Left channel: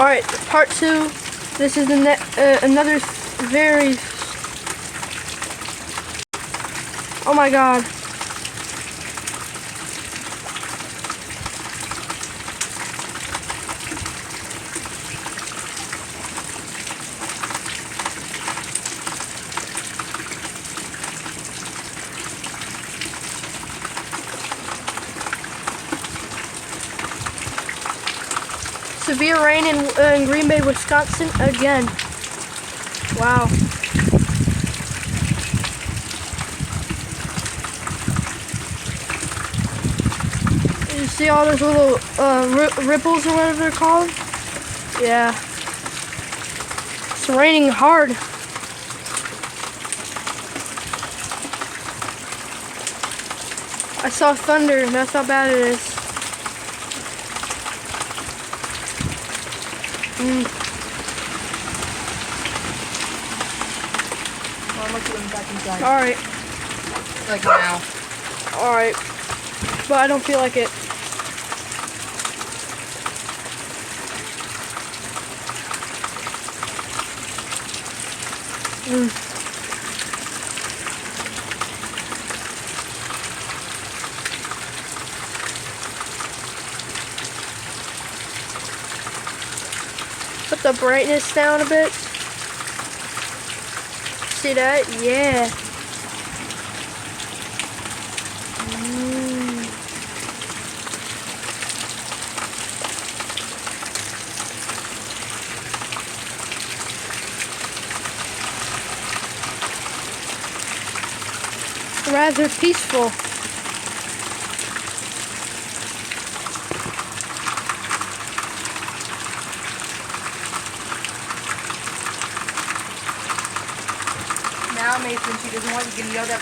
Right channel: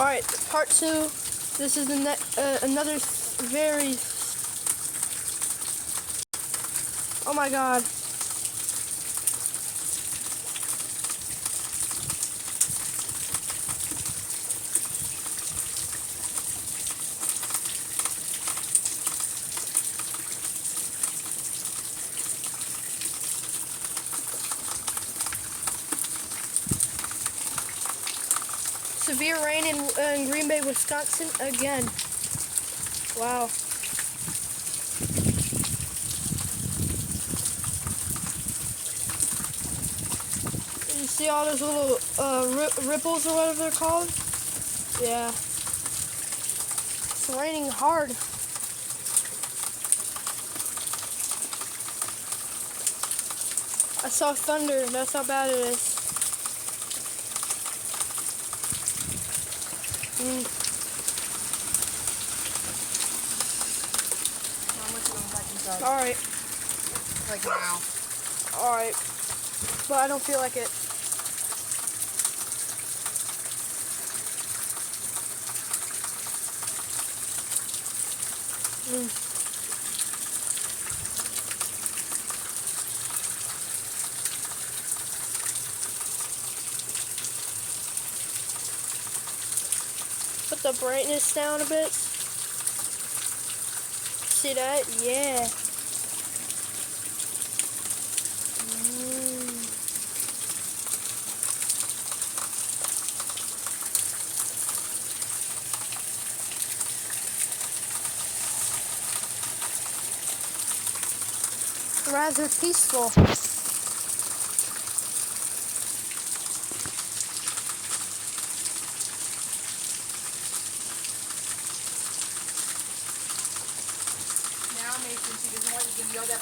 Alright, part 2. This is another very... Oh my god. Severe rain in Green Bay, Wisconsin again. Wow. You see all those little ripples or whatever they're called? Yeah. It's raining hard. I saw thunder, and that's how bad it is. Alright. Like now. Alright. But I don't feel like it. Put the brightness down a bit. See that? Yeah. Rather peaceful. Now Mason, she doesn't want you to yell that.